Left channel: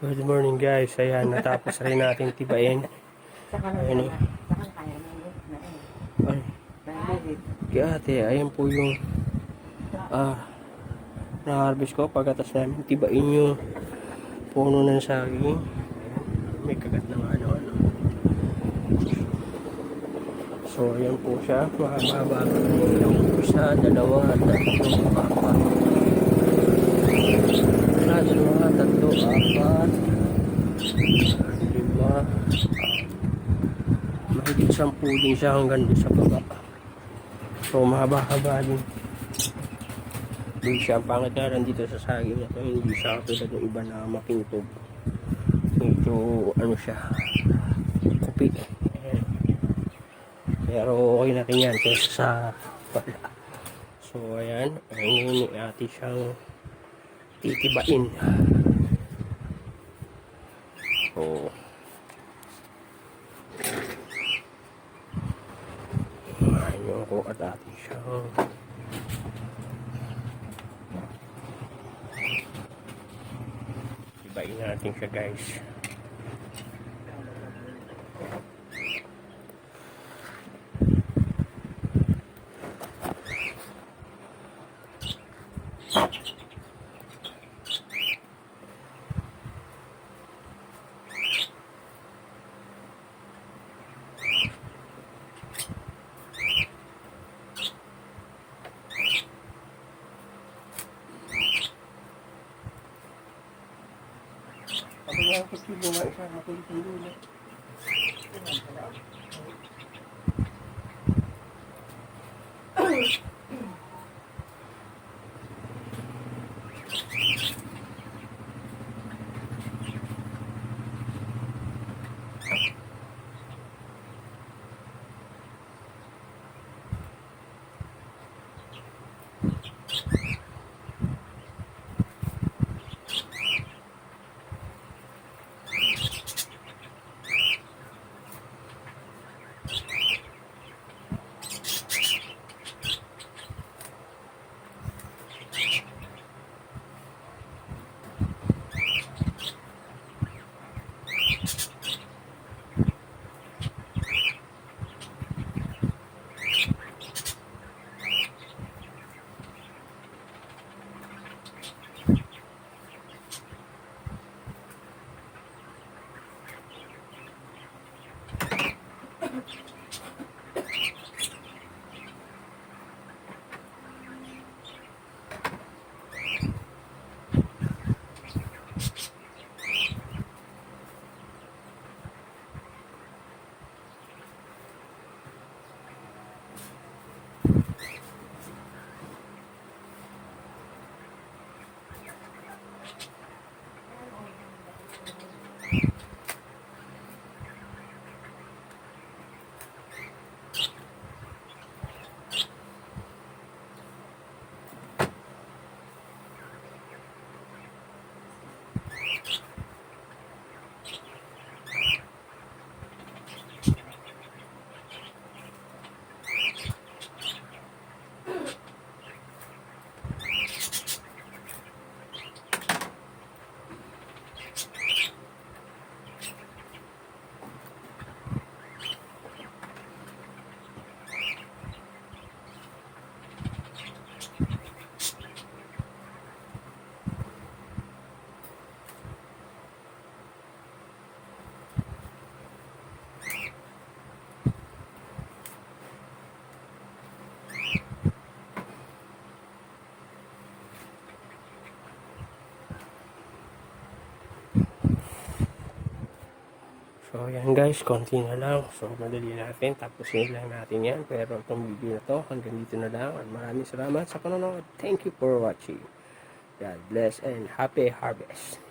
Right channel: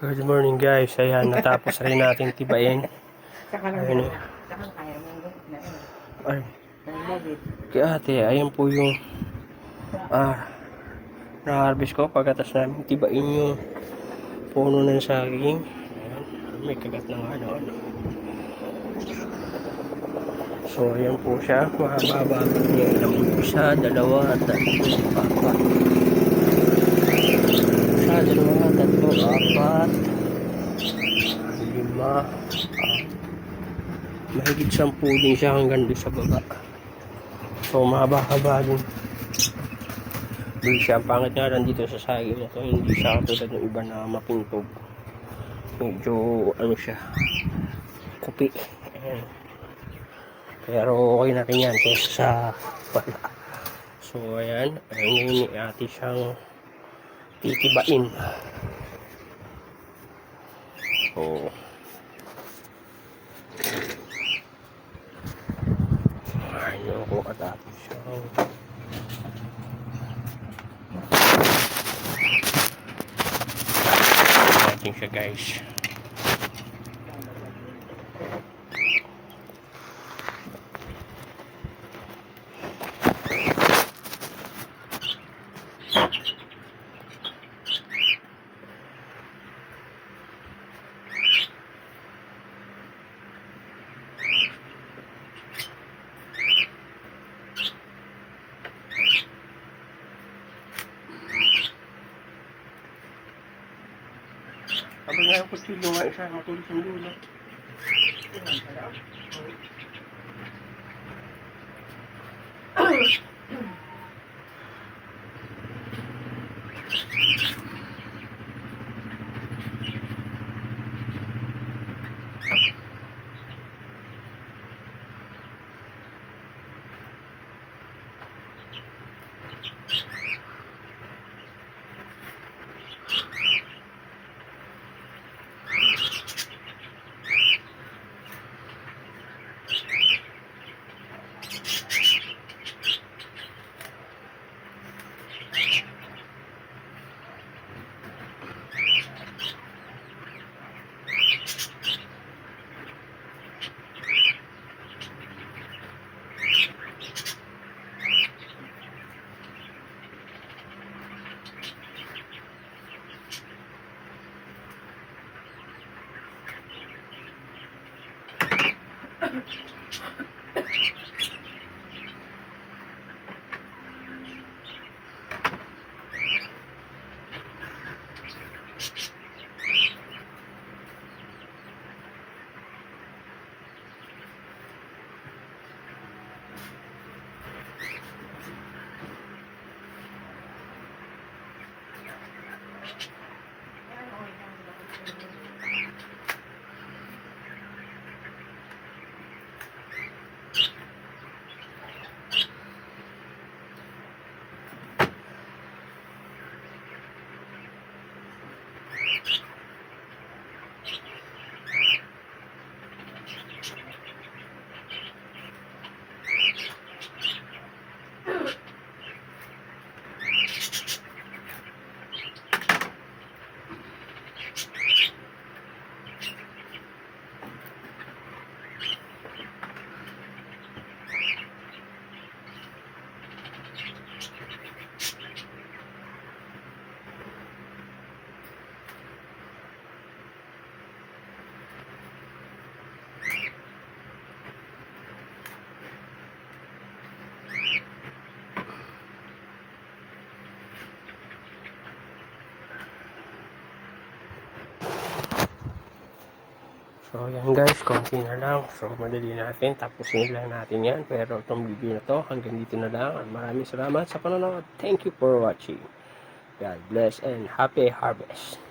Good morning guys. Ayan, natapos rin natin tibain. Ayan. Ay, kaya ate, ayan po yung na-harvest ko pagkatas namin tibain yung puno ng saging. Ayan, may kagat ng ano-ano. So, ayan po siya. Mahaba-haba niya ilang isa, dalawa, tatlo, apat. Isa, dalawa, tatlo, apat. 5, mahigit 10 din siya hanggang doon sa baba. So mahaba-haba din. Doon siya, pangit nga lang dito sa saging na to, hindi siya katulad ng iba na mapintog. Medyo ano siya, kupi. Ayan. Pero okay na rin yan kesa sa pala. So ayan, ayun yung ate siyang titibain. So ayun ko at ate siyang natin siya guys. Sabi nga ako silo nga isa, matulog ng dulo. So yan guys, konti na lang. So madali natin, tapusin lang natin yan. Pero itong video na to, hanggang dito na lang. At maraming salamat sa panonood. Thank you for watching. God bless and happy harvest.